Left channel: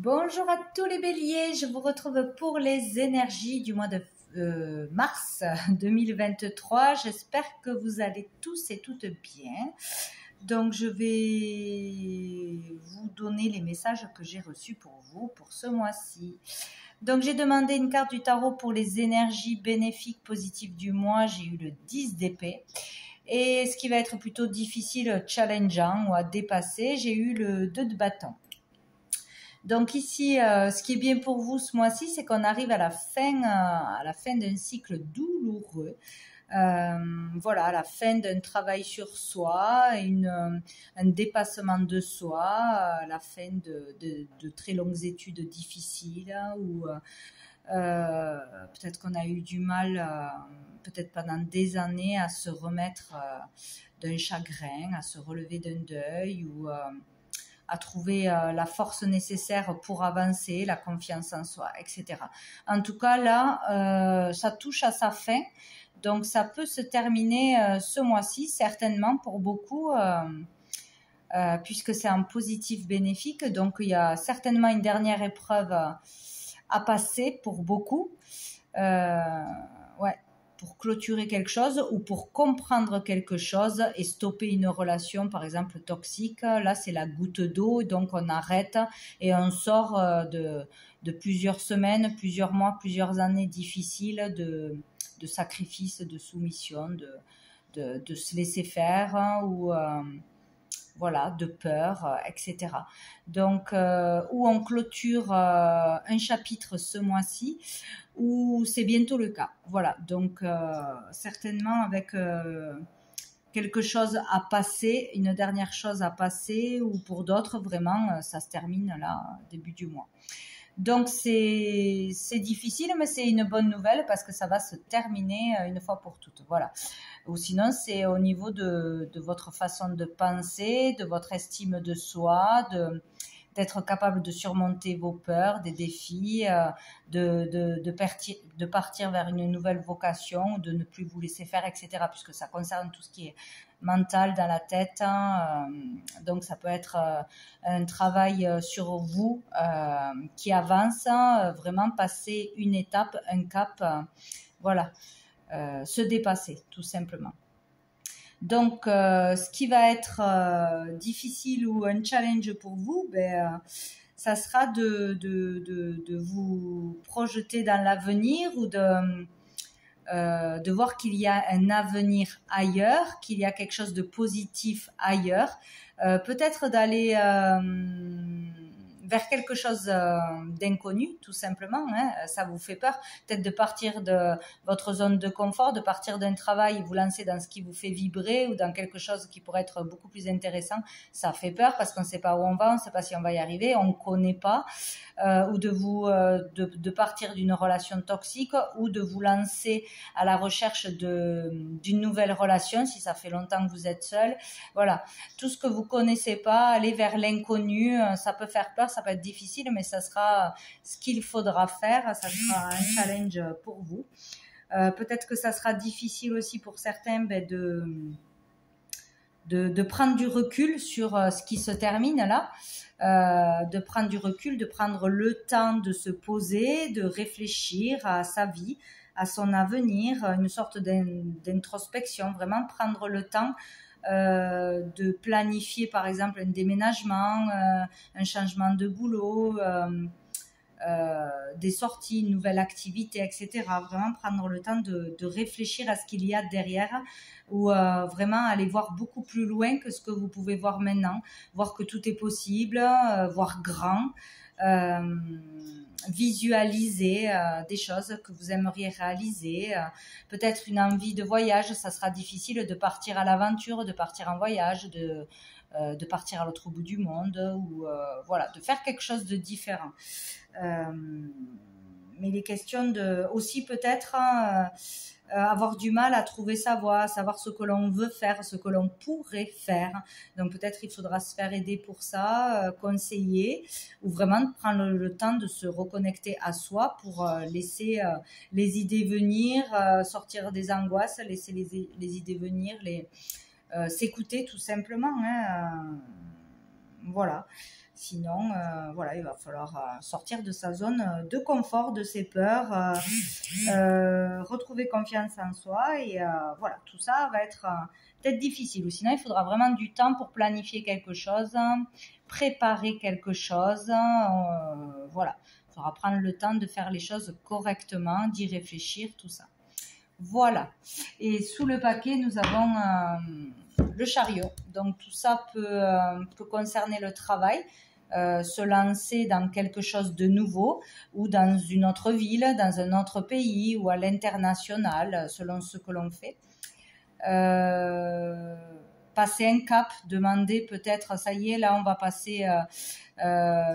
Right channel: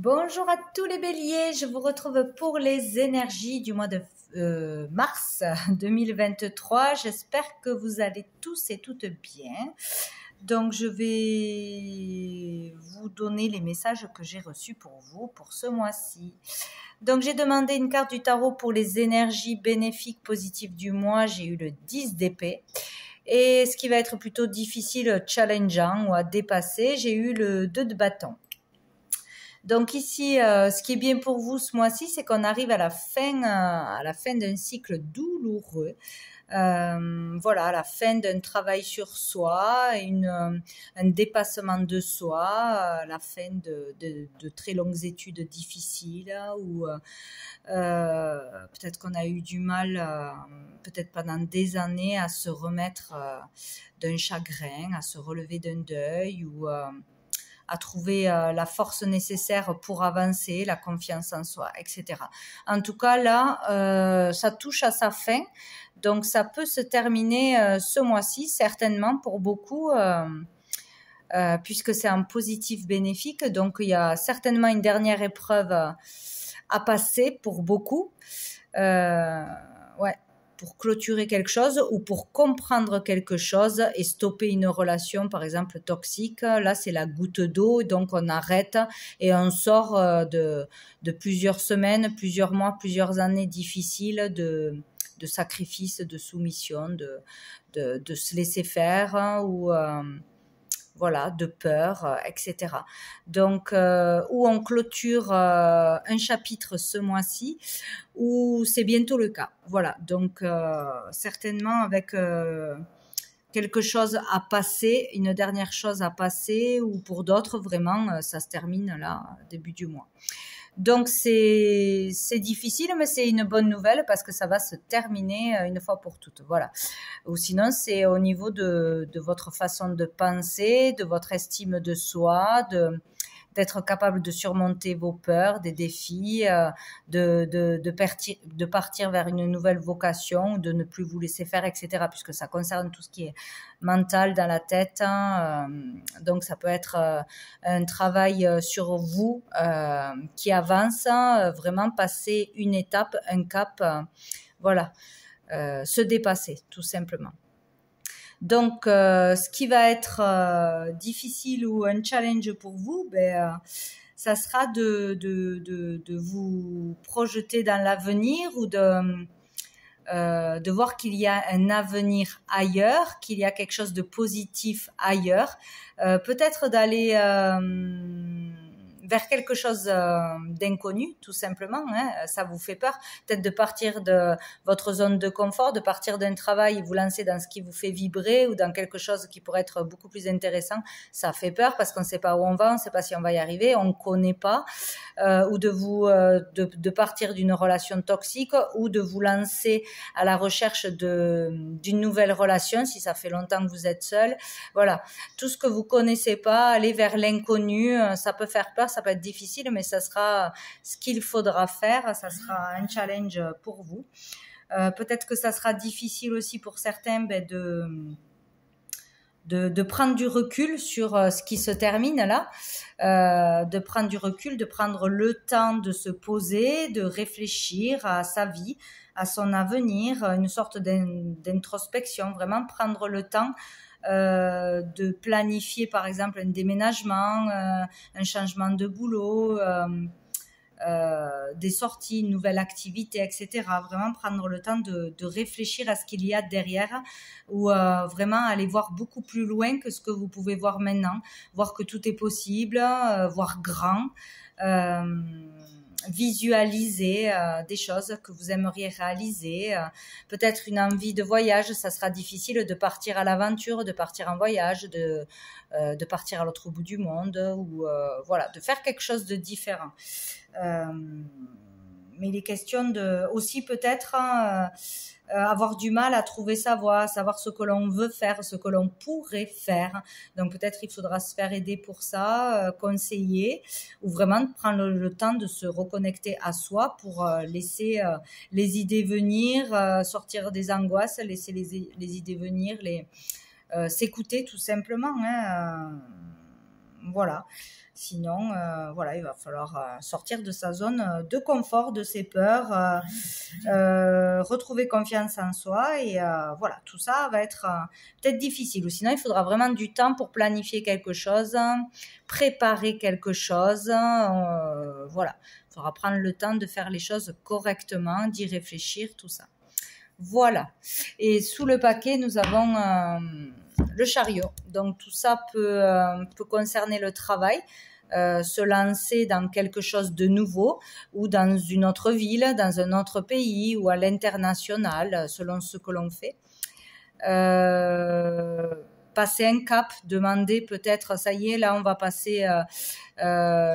Bonjour à tous les béliers, je vous retrouve pour les énergies du mois de mars 2023. J'espère que vous allez tous et toutes bien. Donc je vais vous donner les messages que j'ai reçus pour vous pour ce mois-ci. Donc j'ai demandé une carte du tarot pour les énergies bénéfiques positives du mois. J'ai eu le 10 d'épée. Et ce qui va être plutôt difficile, challengeant ou à dépasser, j'ai eu le 2 de bâton. Donc ici, ce qui est bien pour vous ce mois-ci, c'est qu'on arrive à la fin d'un cycle douloureux. Voilà, à la fin d'un travail sur soi, un dépassement de soi, à la fin de très longues études difficiles, ou peut-être qu'on a eu du mal, peut-être pendant des années, à se remettre d'un chagrin, à se relever d'un deuil, ou à trouver la force nécessaire pour avancer, la confiance en soi, etc. En tout cas, là, ça touche à sa fin. Donc, ça peut se terminer ce mois-ci, certainement, pour beaucoup, puisque c'est un positif bénéfique. Donc, il y a certainement une dernière épreuve à passer pour beaucoup. Ouais. Pour clôturer quelque chose ou pour comprendre quelque chose et stopper une relation, par exemple, toxique. Là, c'est la goutte d'eau, donc on arrête et on sort de plusieurs semaines, plusieurs mois, plusieurs années difficiles de sacrifice, de soumission, de se laisser faire ou voilà, de peur, etc. Donc, où on clôture un chapitre ce mois-ci, ou c'est bientôt le cas. Voilà, donc certainement avec quelque chose à passer, une dernière chose à passer, ou pour d'autres, vraiment, ça se termine là, début du mois. Donc c'est difficile, mais c'est une bonne nouvelle parce que ça va se terminer une fois pour toutes. Voilà. Ou sinon, c'est au niveau de votre façon de penser, de votre estime de soi, d'être capable de surmonter vos peurs, des défis, de partir vers une nouvelle vocation, de ne plus vous laisser faire, etc. Puisque ça concerne tout ce qui est mental dans la tête. Donc ça peut être un travail sur vous qui avance, vraiment passer une étape, un cap, voilà, se dépasser tout simplement. Donc, ce qui va être difficile ou un challenge pour vous, ça sera de vous projeter dans l'avenir ou de voir qu'il y a un avenir ailleurs, qu'il y a quelque chose de positif ailleurs. Peut-être d'aller vers quelque chose d'inconnu, tout simplement. Ça vous fait peur. Peut-être de partir de votre zone de confort, de partir d'un travail et vous lancer dans ce qui vous fait vibrer ou dans quelque chose qui pourrait être beaucoup plus intéressant. Ça fait peur parce qu'on ne sait pas où on va, on ne sait pas si on va y arriver, on ne connaît pas. Ou de partir d'une relation toxique ou de vous lancer à la recherche d'une nouvelle relation si ça fait longtemps que vous êtes seul. Voilà. Tout ce que vous connaissez pas, aller vers l'inconnu, ça peut faire peur, ça peut être difficile, mais ça sera ce qu'il faudra faire, ça sera un challenge pour vous. Peut-être que ça sera difficile aussi pour certains de prendre du recul sur ce qui se termine là, de prendre du recul, de prendre le temps de se poser, de réfléchir à sa vie, à son avenir, une sorte d'introspection, vraiment prendre le temps de planifier par exemple un déménagement, un changement de boulot, des sorties, une nouvelle activité, etc. Vraiment prendre le temps de réfléchir à ce qu'il y a derrière ou vraiment aller voir beaucoup plus loin que ce que vous pouvez voir maintenant, voir que tout est possible, voir grand, visualiser des choses que vous aimeriez réaliser, peut-être une envie de voyage. Ça sera difficile de partir à l'aventure, de partir en voyage, de partir à l'autre bout du monde ou voilà, de faire quelque chose de différent. Mais il est question de aussi peut-être avoir du mal à trouver sa voie, savoir ce que l'on veut faire, ce que l'on pourrait faire. Donc peut-être il faudra se faire aider pour ça, conseiller, ou vraiment prendre le temps de se reconnecter à soi pour laisser les idées venir, sortir des angoisses, laisser les idées venir, s'écouter tout simplement. Voilà. Sinon, voilà, il va falloir sortir de sa zone de confort, de ses peurs, retrouver confiance en soi et voilà, tout ça va être peut-être difficile. Ou sinon, il faudra vraiment du temps pour planifier quelque chose, préparer quelque chose. Voilà, il faudra prendre le temps de faire les choses correctement, d'y réfléchir, tout ça. Voilà. Et sous le paquet, nous avons le chariot. Donc tout ça peut concerner le travail. Se lancer dans quelque chose de nouveau ou dans une autre ville, dans un autre pays ou à l'international, selon ce que l'on fait. Passer un cap, demander peut-être, ça y est, là on va passer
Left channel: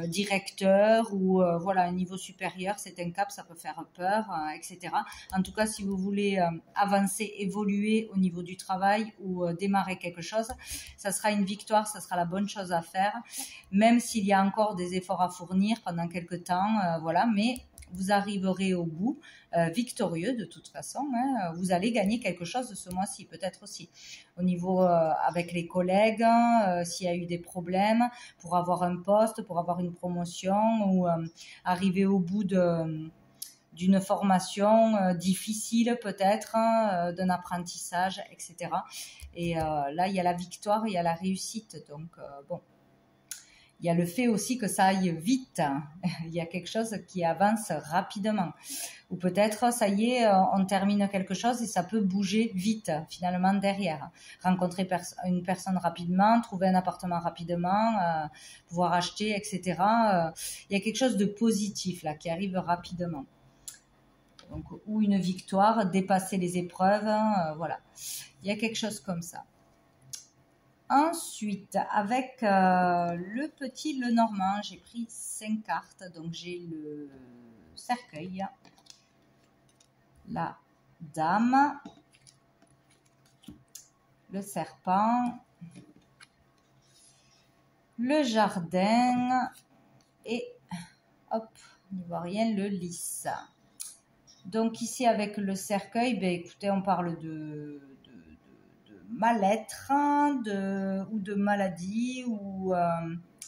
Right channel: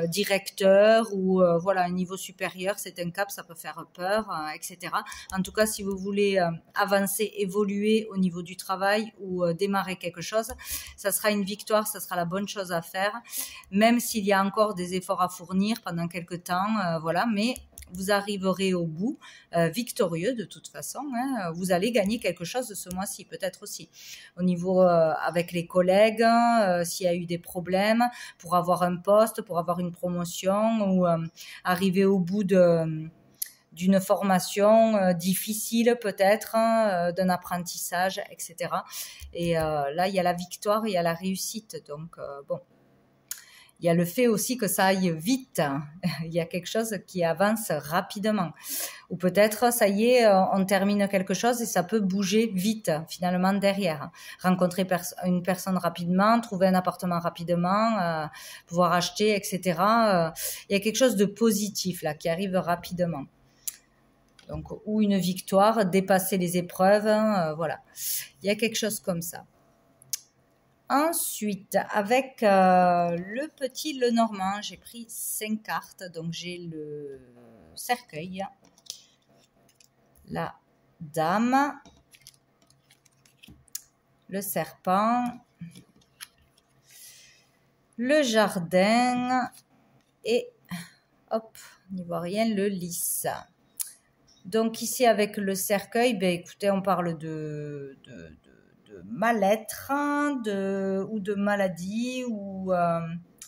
directeur ou voilà, un niveau supérieur, c'est un cap, ça peut faire peur, etc. En tout cas, si vous voulez avancer, évoluer au niveau du travail ou démarrer quelque chose, ça sera une victoire, ça sera la bonne chose à faire, même s'il y a encore des efforts à fournir pendant quelques temps, voilà, mais vous arriverez au bout victorieux de toute façon. Hein. Vous allez gagner quelque chose ce mois-ci, peut-être aussi. Au niveau avec les collègues, s'il y a eu des problèmes, pour avoir un poste, pour avoir une promotion ou arriver au bout d'une formation difficile peut-être, d'un apprentissage, etc. Et là, il y a la victoire, il y a la réussite. Donc, bon. Il y a le fait aussi que ça aille vite. Il y a quelque chose qui avance rapidement. Ou peut-être, ça y est, on termine quelque chose et ça peut bouger vite, finalement, derrière. Rencontrer une personne rapidement, trouver un appartement rapidement, pouvoir acheter, etc. Il y a quelque chose de positif, là, qui arrive rapidement. Donc, ou une victoire, dépasser les épreuves, voilà. Il y a quelque chose comme ça. Ensuite, avec le petit Lenormand, j'ai pris 5 cartes. Donc, j'ai le cercueil, la dame, le serpent, le jardin et, hop, n'y voit rien, le lys. Donc, ici, avec le cercueil, ben, écoutez, on parle de mal-être ou de maladie ou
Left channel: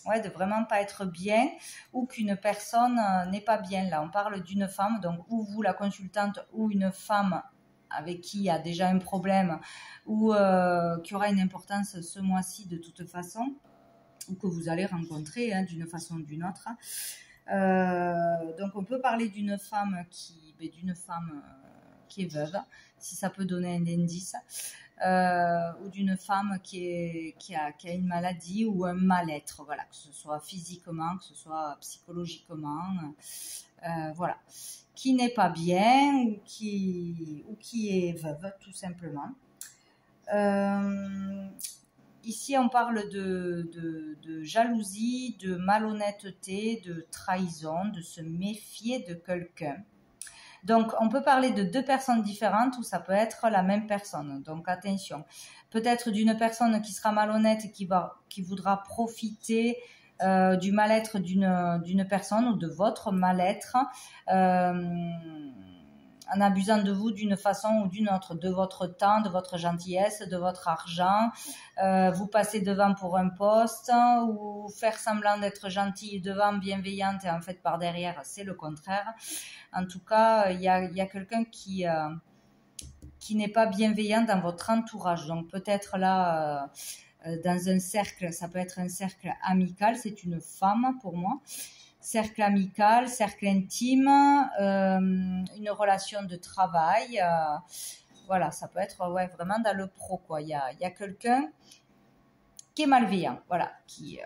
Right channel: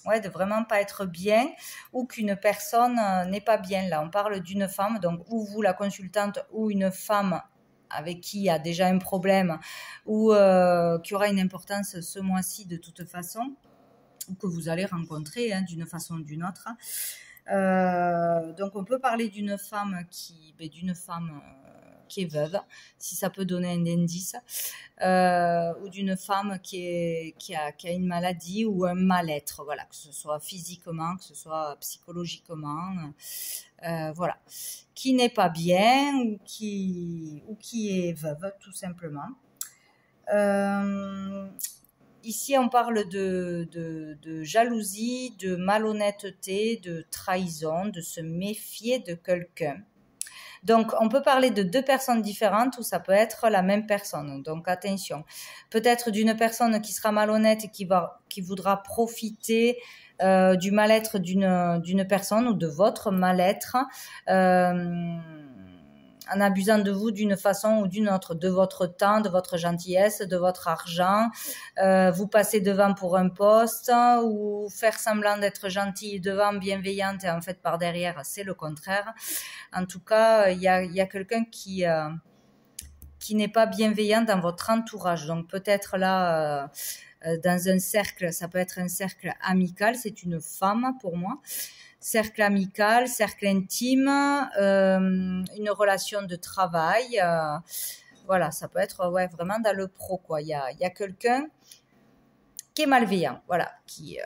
ouais, de vraiment pas être bien ou qu'une personne n'est pas bien. Là, on parle d'une femme, donc ou vous, la consultante, ou une femme avec qui il y a déjà un problème ou qui aura une importance ce mois-ci de toute façon ou que vous allez rencontrer d'une façon ou d'une autre. Donc, on peut parler d'une femme qui est veuve, si ça peut donner un indice. Ou d'une femme qui a une maladie ou un mal-être, voilà, que ce soit physiquement, que ce soit psychologiquement, voilà, qui n'est pas bien ou qui est veuve, tout simplement. Ici, on parle de jalousie, de malhonnêteté, de trahison, de se méfier de quelqu'un. Donc, on peut parler de 2 personnes différentes ou ça peut être la même personne. Donc, attention. Peut-être d'une personne qui sera malhonnête et qui voudra profiter du mal-être d'une personne ou de votre mal-être en abusant de vous d'une façon ou d'une autre, de votre temps, de votre gentillesse, de votre argent, vous passez devant pour un poste ou faire semblant d'être gentil devant, bienveillante et en fait par derrière c'est le contraire. En tout cas, il y a quelqu'un qui n'est pas bienveillant dans votre entourage. Donc peut-être là, dans un cercle, ça peut être un cercle amical, c'est une femme pour moi. Cercle amical, cercle intime, une relation de travail. Voilà, ça peut être ouais, vraiment dans le pro, quoi. Il y a quelqu'un qui est malveillant, voilà, qu'il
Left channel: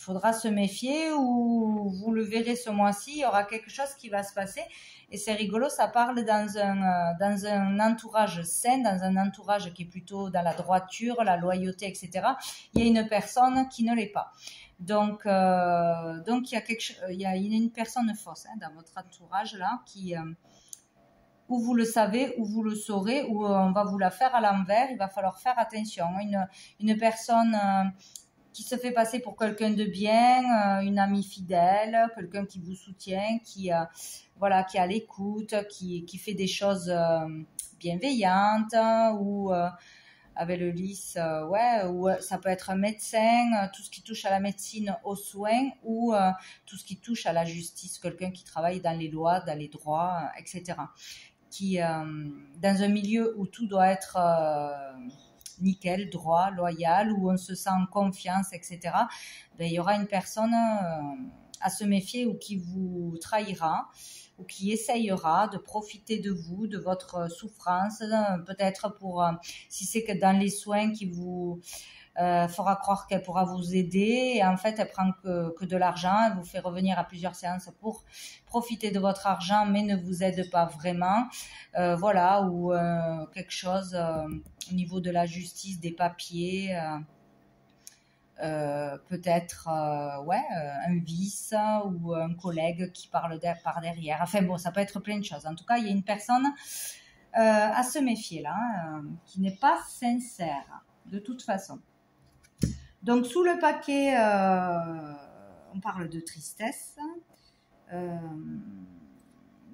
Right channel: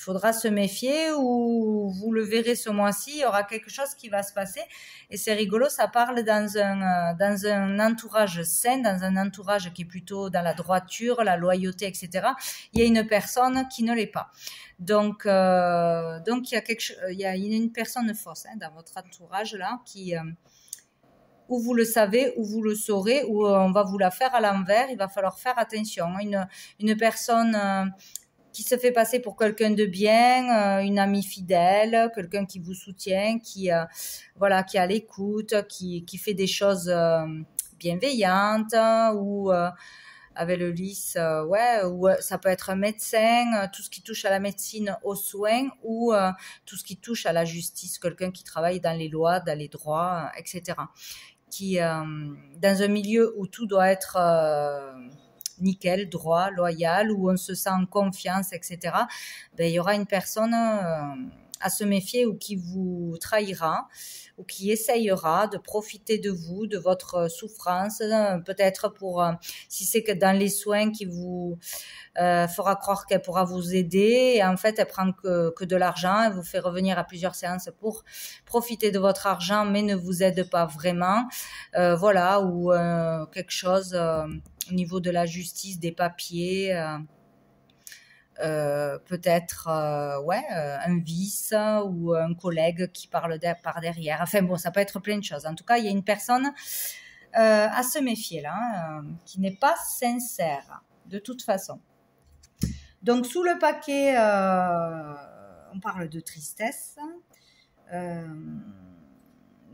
faudra se méfier ou vous le verrez ce mois-ci, il y aura quelque chose qui va se passer. Et c'est rigolo, ça parle dans un entourage sain, dans un entourage qui est plutôt dans la droiture, la loyauté, etc. Il y a une personne qui ne l'est pas. Donc il y a une personne fausse dans votre entourage là qui ou vous le savez, ou vous le saurez, ou on va vous la faire à l'envers. Il va falloir faire attention. Une personne qui se fait passer pour quelqu'un de bien, une amie fidèle, quelqu'un qui vous soutient, qui est à l'écoute, qui fait des choses bienveillantes ou avec le lys, ouais, ou ça peut être un médecin, tout ce qui touche à la médecine, aux soins, ou tout ce qui touche à la justice, quelqu'un qui travaille dans les lois, dans les droits, etc. Qui, dans un milieu où tout doit être nickel, droit, loyal, où on se sent en confiance, etc., ben, il y aura une personne à se méfier ou qui vous trahira ou qui essayera de profiter de vous, de votre souffrance, peut-être pour, si c'est que dans les soins qui vous fera croire qu'elle pourra vous aider, et en fait elle prend que de l'argent, elle vous fait revenir à plusieurs séances pour profiter de votre argent, mais ne vous aide pas vraiment, voilà, ou quelque chose au niveau de la justice, des papiers, peut-être ouais, un vice ou un collègue qui parle par derrière. Enfin bon, ça peut être plein de choses. En tout cas, il y a une personne à se méfier là, qui n'est pas sincère de toute façon. Donc sous le paquet, on parle de tristesse.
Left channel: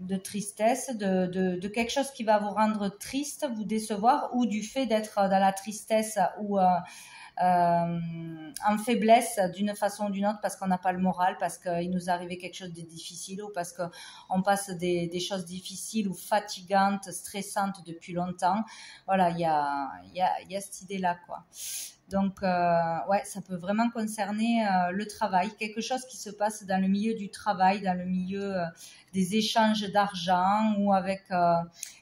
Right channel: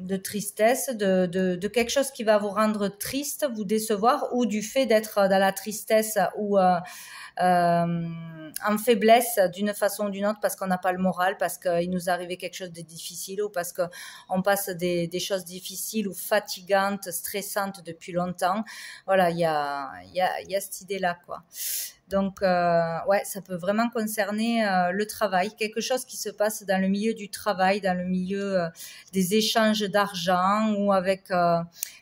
De quelque chose qui va vous rendre triste, vous décevoir, ou du fait d'être dans la tristesse ou en faiblesse d'une façon ou d'une autre parce qu'on n'a pas le moral, parce qu'il nous est arrivé quelque chose de difficile, ou parce qu'on passe des choses difficiles ou fatigantes, stressantes depuis longtemps. Voilà, il y a cette idée-là, quoi. Donc, ouais, ça peut vraiment concerner le travail, quelque chose qui se passe dans le milieu du travail, dans le milieu des échanges d'argent, ou avec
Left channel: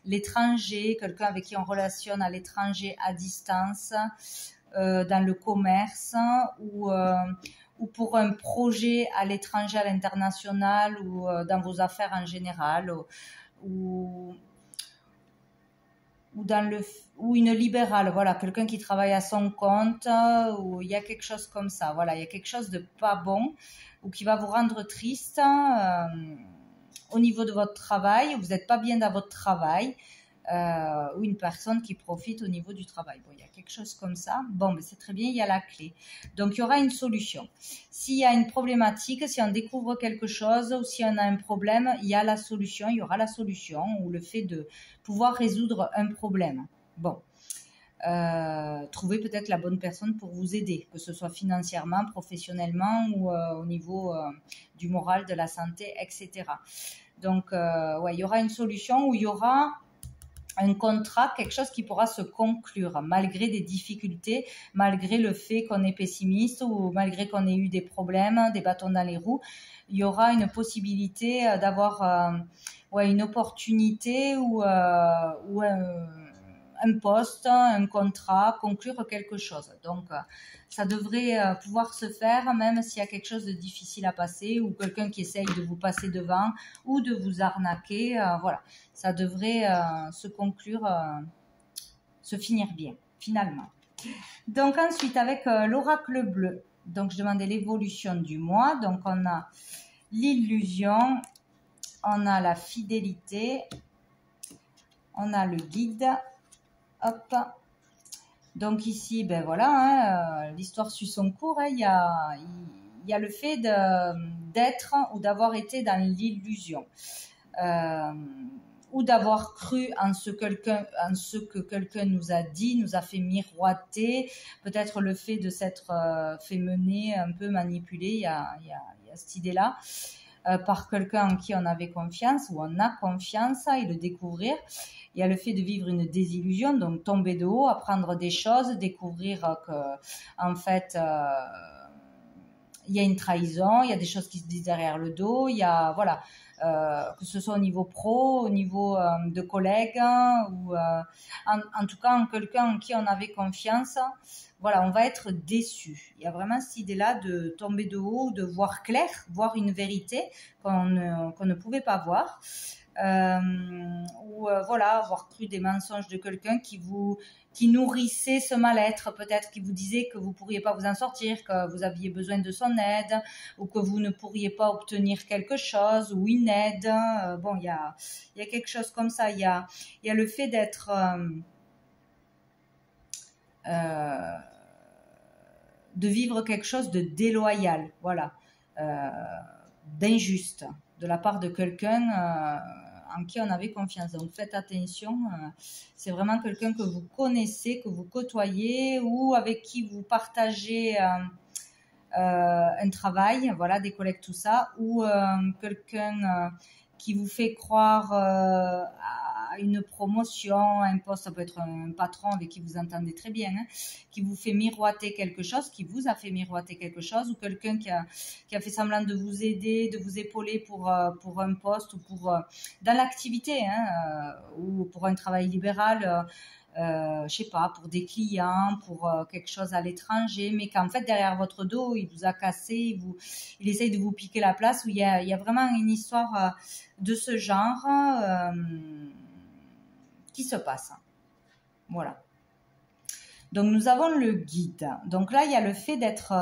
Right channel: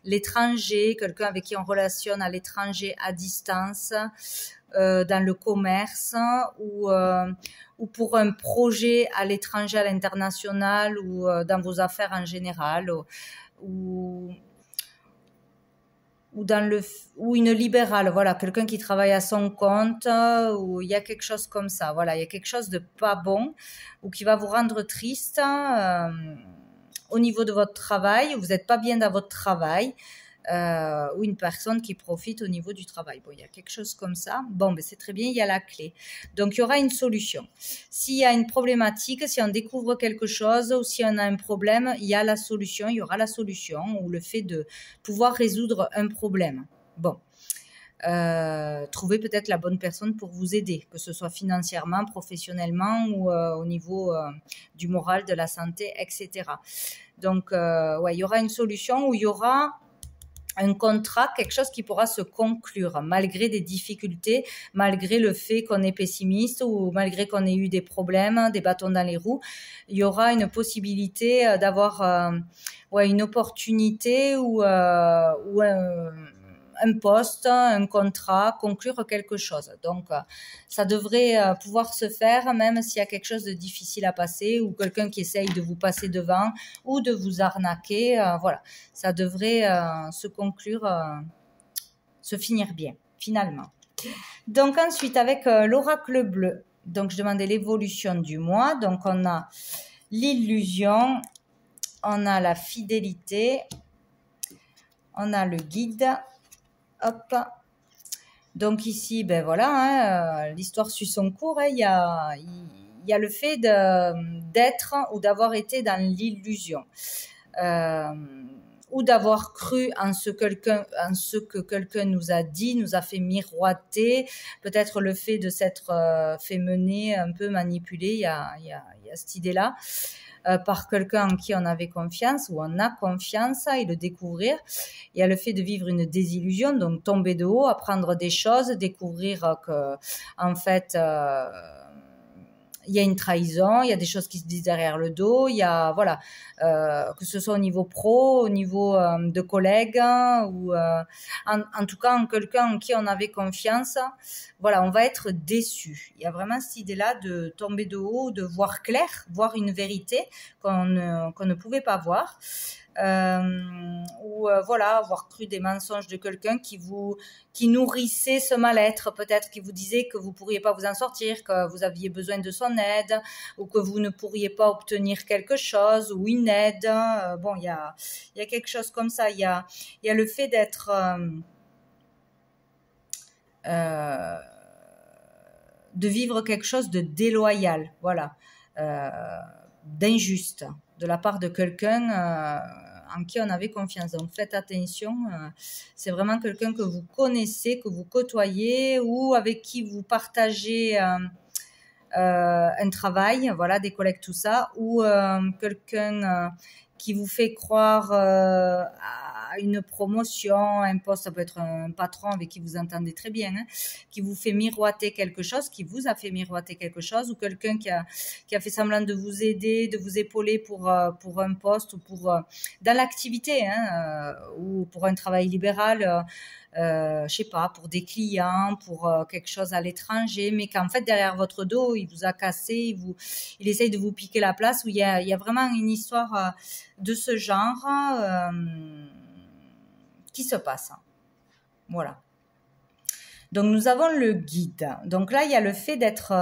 l'étranger, quelqu'un avec qui on relationne à l'étranger à distance, dans le commerce, ou pour un projet à l'étranger, à l'international, ou dans vos affaires en général, ou une libérale, voilà, quelqu'un qui travaille à son compte, ou il y a quelque chose comme ça, voilà, il y a quelque chose de pas bon, ou qui va vous rendre triste au niveau de votre travail, vous n'êtes pas bien dans votre travail, ou une personne qui profite au niveau du travail. Bon, il y a quelque chose comme ça. Bon, ben c'est très bien, il y a la clé. Donc, il y aura une solution. S'il y a une problématique, si on découvre quelque chose, ou si on a un problème, il y a la solution, il y aura la solution, ou le fait de pouvoir résoudre un problème. Bon. Trouver peut-être la bonne personne pour vous aider, que ce soit financièrement, professionnellement, ou au niveau du moral, de la santé, etc. Donc, ouais, il y aura une solution où il y aura un contrat, quelque chose qui pourra se conclure malgré des difficultés, malgré le fait qu'on est pessimiste, ou malgré qu'on ait eu des problèmes, des bâtons dans les roues. Il y aura une possibilité d'avoir ouais, une opportunité, ou un poste, un contrat, conclure quelque chose. Donc, ça devrait pouvoir se faire, même s'il y a quelque chose de difficile à passer, ou quelqu'un qui essaye de vous passer devant, ou de vous arnaquer. Voilà, ça devrait se conclure, se finir bien, finalement. Donc, ensuite, avec l'oracle bleu, donc je demandais l'évolution du mois. Donc, on a l'illusion, on a la fidélité, on a le guide. Hop. Donc ici, ben voilà, l'histoire suit son cours. Il y a le fait d'être ou d'avoir été dans l'illusion, ou d'avoir cru en ce que quelqu'un nous a dit, nous a fait miroiter. Peut-être le fait de s'être fait mener, un peu manipuler. Il y a cette idée-là. Par quelqu'un en qui on avait confiance, ou on a confiance, et le découvrir. Il y a le fait de vivre une désillusion, donc tomber de haut, apprendre des choses, découvrir que, en fait, il y a une trahison, il y a des choses qui se disent derrière le dos, il y a, voilà, que ce soit au niveau pro, au niveau de collègues, ou en tout cas en quelqu'un en qui on avait confiance. Voilà, on va être déçu. Il y a vraiment cette idée-là de tomber de haut, de voir clair, voir une vérité qu'on ne pouvait pas voir. Ou voilà, avoir cru des mensonges de quelqu'un qui nourrissait ce mal-être, peut-être qui vous disait que vous ne pourriez pas vous en sortir, que vous aviez besoin de son aide, ou que vous ne pourriez pas obtenir quelque chose, ou une aide. Bon, il y a quelque chose comme ça. Il y a le fait d'être de vivre quelque chose de déloyal, voilà, d'injuste, de la part de quelqu'un en qui on avait confiance. Donc faites attention, c'est vraiment quelqu'un que vous connaissez, que vous côtoyez ou avec qui vous partagez un travail, voilà, des collègues, tout ça, ou quelqu'un qui vous fait croire à une promotion, un poste, ça peut être un patron avec qui vous entendez très bien, hein, qui vous fait miroiter quelque chose, qui vous a fait miroiter quelque chose, ou quelqu'un qui a fait semblant de vous aider, de vous épauler pour un poste ou dans l'activité, hein, ou pour un travail libéral. Je sais pas, pour des clients, pour quelque chose à l'étranger, mais qu'en fait derrière votre dos, il vous a cassé, il essaye de vous piquer la place, où il y a vraiment une histoire de ce genre qui se passe. Voilà. Donc nous avons le guide. Donc là, il y a le fait d'être...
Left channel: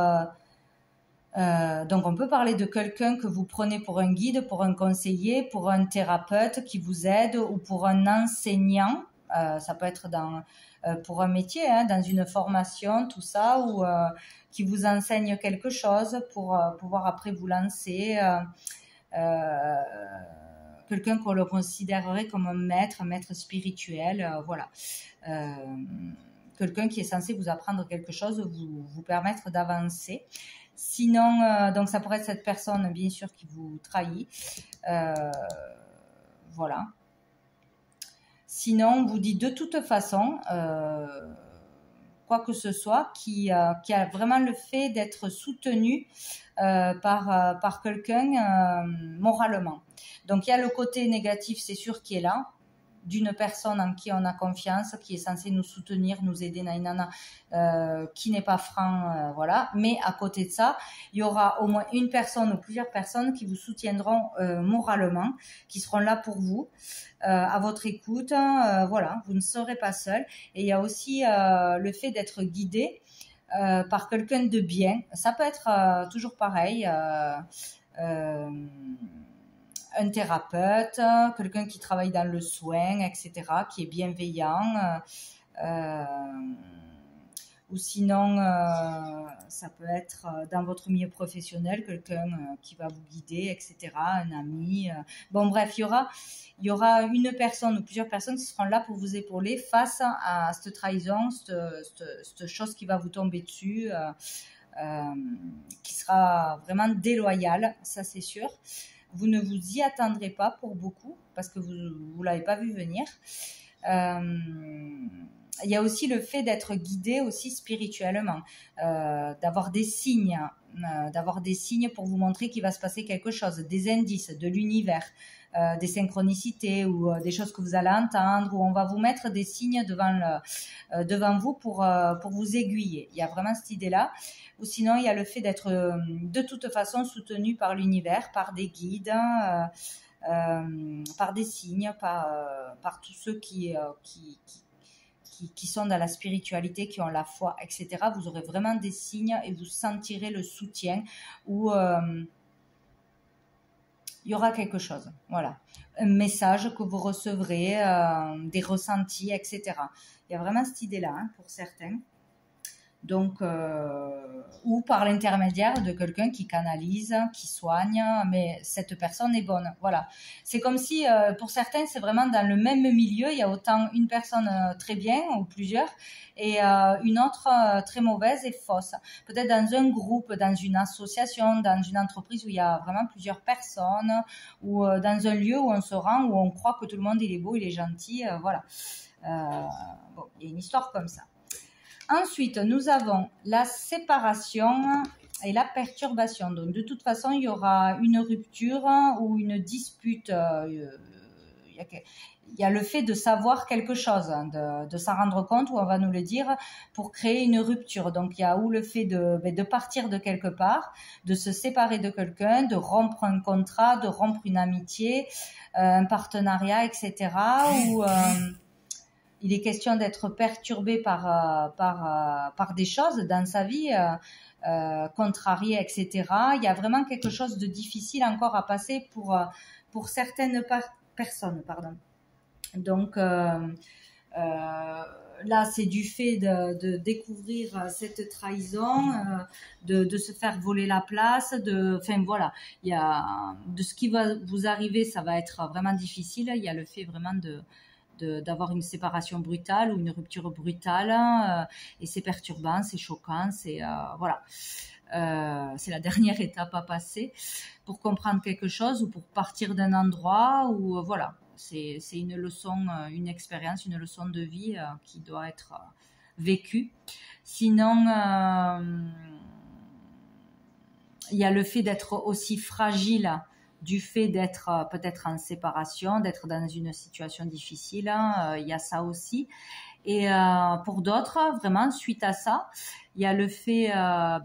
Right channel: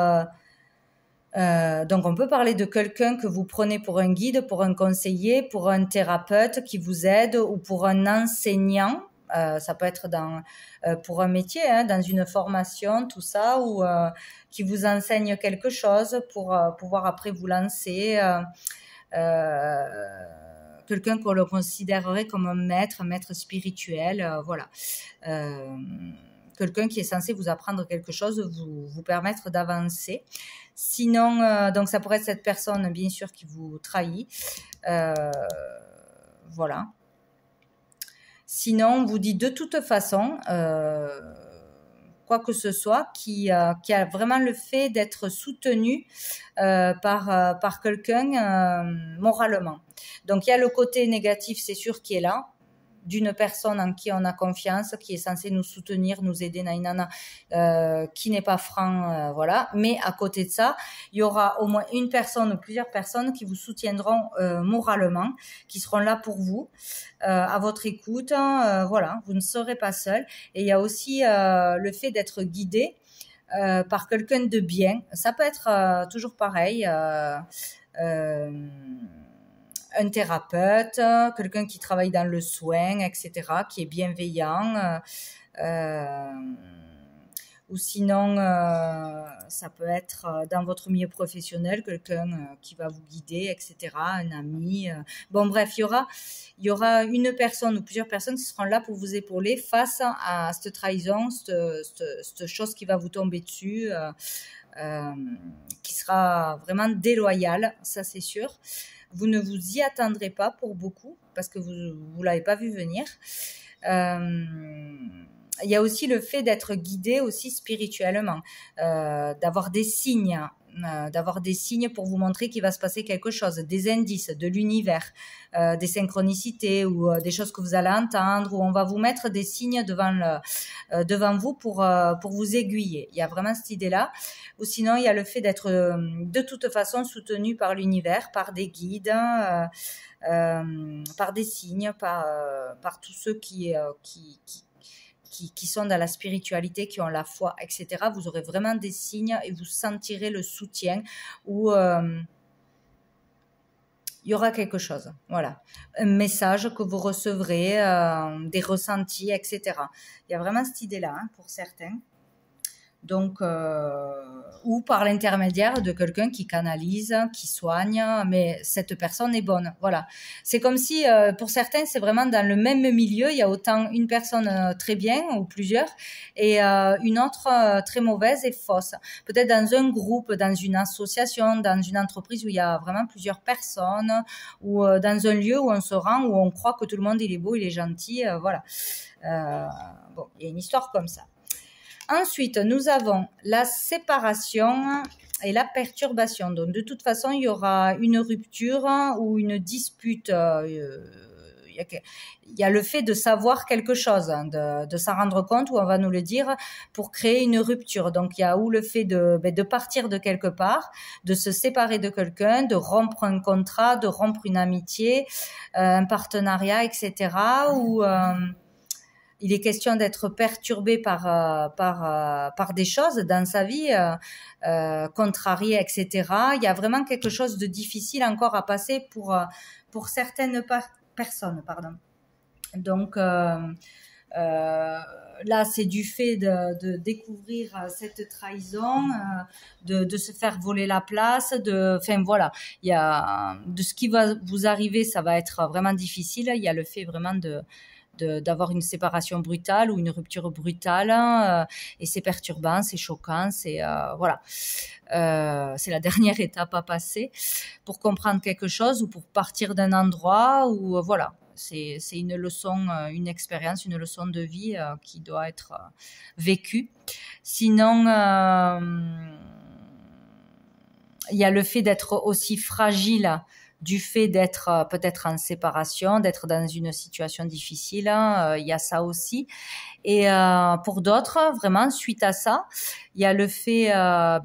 donc on peut parler de quelqu'un que vous prenez pour un guide, pour un conseiller, pour un thérapeute qui vous aide, ou pour un enseignant. Ça peut être pour un métier, hein, dans une formation, tout ça, ou qui vous enseigne quelque chose pour pouvoir après vous lancer. Quelqu'un qu'on le considérerait comme un maître spirituel, voilà. Quelqu'un qui est censé vous apprendre quelque chose, vous permettre d'avancer. Sinon, donc ça pourrait être cette personne, bien sûr, qui vous trahit. Voilà. Sinon, on vous dit de toute façon, quoi que ce soit, qui a vraiment le fait d'être soutenu par quelqu'un moralement. Donc, il y a le côté négatif, c'est sûr, qui est là, d'une personne en qui on a confiance, qui est censée nous soutenir, nous aider, qui n'est pas franc, voilà. Mais à côté de ça, il y aura au moins une personne ou plusieurs personnes qui vous soutiendront moralement, qui seront là pour vous, à votre écoute, voilà, vous ne serez pas seul. Et il y a aussi le fait d'être guidé par quelqu'un de bien. Ça peut être toujours pareil, un thérapeute, quelqu'un qui travaille dans le soin, etc., qui est bienveillant, ou sinon, ça peut être dans votre milieu professionnel, quelqu'un qui va vous guider, etc., un ami. Bon, bref, il y aura une personne ou plusieurs personnes qui seront là pour vous épauler face à cette trahison, cette chose qui va vous tomber dessus, qui sera vraiment déloyale, ça c'est sûr. Vous ne vous y attendrez pas pour beaucoup parce que vous ne l'avez pas vu venir. Il y a aussi le fait d'être guidé aussi spirituellement, d'avoir des signes pour vous montrer qu'il va se passer quelque chose, des indices de l'univers, des synchronicités ou des choses que vous allez entendre, ou on va vous mettre des signes devant vous pour vous aiguiller. Il y a vraiment cette idée-là. Ou sinon, il y a le fait d'être de toute façon soutenu par l'univers, par des guides, par des signes, par tous ceux qui sont dans la spiritualité, qui ont la foi, etc. Vous aurez vraiment des signes et vous sentirez le soutien, ou il y aura quelque chose, voilà, un message que vous recevrez, des ressentis, etc. Il y a vraiment cette idée-là, hein, pour certains. Donc, ou par l'intermédiaire de quelqu'un qui canalise, qui soigne, mais cette personne est bonne. Voilà. C'est comme si, pour certains, c'est vraiment dans le même milieu, il y a autant une personne très bien ou plusieurs, et une autre très mauvaise et fausse. Peut-être dans un groupe, dans une association, dans une entreprise où il y a vraiment plusieurs personnes, ou dans un lieu où on se rend, où on croit que tout le monde il est beau, il est gentil, voilà. Bon, il y a une histoire comme ça. Ensuite, nous avons la séparation et la perturbation. Donc, de toute façon, il y aura une rupture ou une dispute. Il y a le fait de savoir quelque chose, de s'en rendre compte, ou on va nous le dire, pour créer une rupture. Donc, il y a ou le fait de partir de quelque part, de se séparer de quelqu'un, de rompre un contrat, de rompre une amitié, un partenariat, etc. Ou... il est question d'être perturbé par des choses dans sa vie, contrarié, etc. Il y a vraiment quelque chose de difficile encore à passer pour certaines personnes. Pardon. Donc, Là, c'est du fait de découvrir cette trahison, de se faire voler la place, enfin voilà, il y a de ce qui va vous arriver, ça va être vraiment difficile. Il y a le fait vraiment d'avoir une séparation brutale ou une rupture brutale, et c'est perturbant, c'est choquant, c'est voilà, c'est la dernière étape à passer pour comprendre quelque chose ou pour partir d'un endroit où voilà. C'est une leçon, une expérience, une leçon de vie qui doit être vécue. Sinon, il y a le fait d'être aussi fragile du fait d'être peut-être en séparation, d'être dans une situation difficile. Il y a ça aussi. Et pour d'autres, vraiment, suite à ça, il y a le fait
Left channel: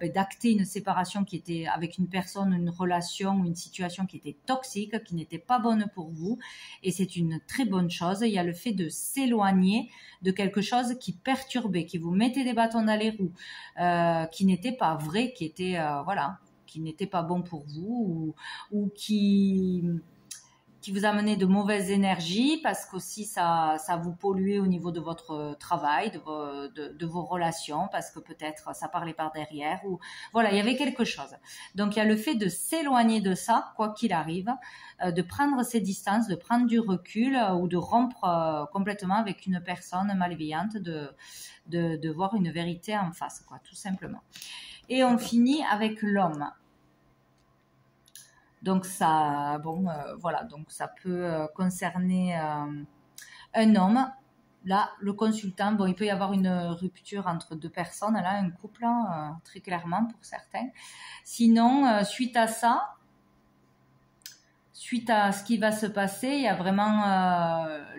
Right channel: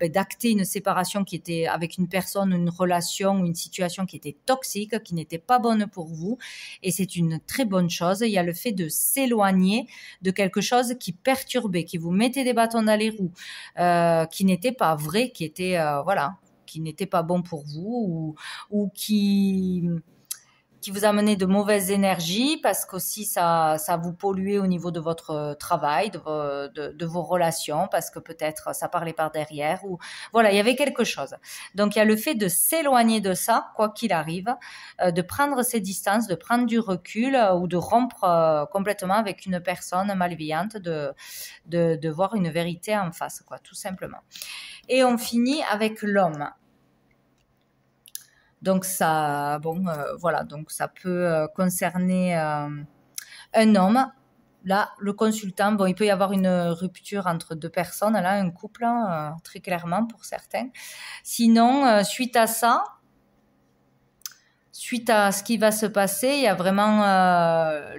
d'acter une séparation qui était avec une personne, une relation ou une situation qui était toxique, qui n'était pas bonne pour vous. Et c'est une très bonne chose. Il y a le fait de s'éloigner de quelque chose qui perturbait, qui vous mettait des bâtons dans les roues, qui n'était pas vrai, qui était, voilà, qui n'était pas bon pour vous ou qui vous amenait de mauvaises énergies parce qu'aussi ça vous polluait au niveau de votre travail, de vos relations, parce que peut-être ça parlait par derrière ou voilà, il y avait quelque chose. Donc il y a le fait de s'éloigner de ça, quoi qu'il arrive, de prendre ses distances, de prendre du recul ou de rompre complètement avec une personne malveillante, de voir une vérité en face, quoi, tout simplement. Et on finit avec l'homme. Donc ça, bon, voilà, donc ça peut concerner un homme. Là, le consultant, bon, il peut y avoir une rupture entre deux personnes, là, un couple, très clairement pour certains. Sinon, suite à ça, suite à ce qui va se passer, il y a vraiment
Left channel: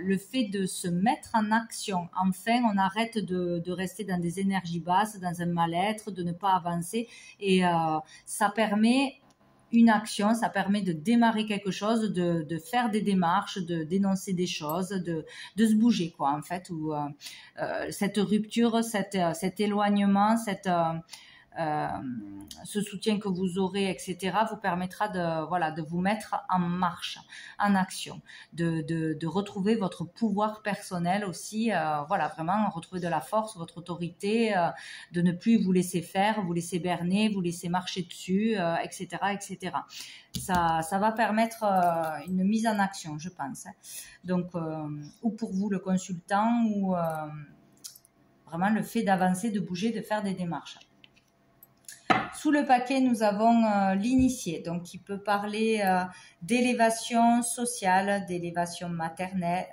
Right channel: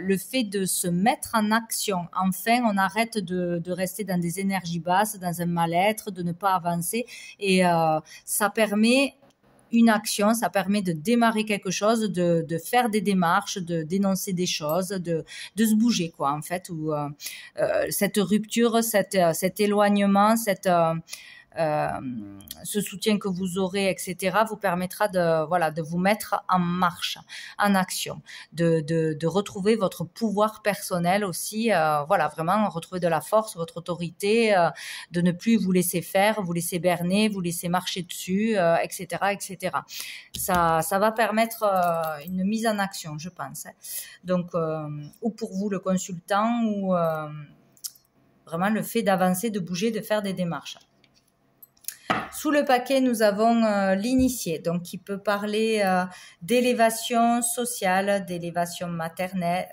le fait de se mettre en action. Enfin, on arrête de rester dans des énergies basses, dans un mal-être, de ne pas avancer. Et ça permet une action, ça permet de démarrer quelque chose, de faire des démarches, de dénoncer des choses, de se bouger, quoi, en fait. Où, cette rupture, cet éloignement, ce soutien que vous aurez, etc., vous permettra de vous mettre en marche, en action, de retrouver votre pouvoir personnel aussi, voilà, vraiment retrouver de la force, votre autorité, de ne plus vous laisser faire, vous laisser berner, vous laisser marcher dessus, etc., etc. Ça va permettre une mise en action, je pense. Hein. Donc, ou pour vous, le consultant, ou vraiment le fait d'avancer, de bouger, de faire des démarches. Sous le paquet, nous avons l'initié, donc qui peut parler d'élévation sociale, d'élévation matérielle,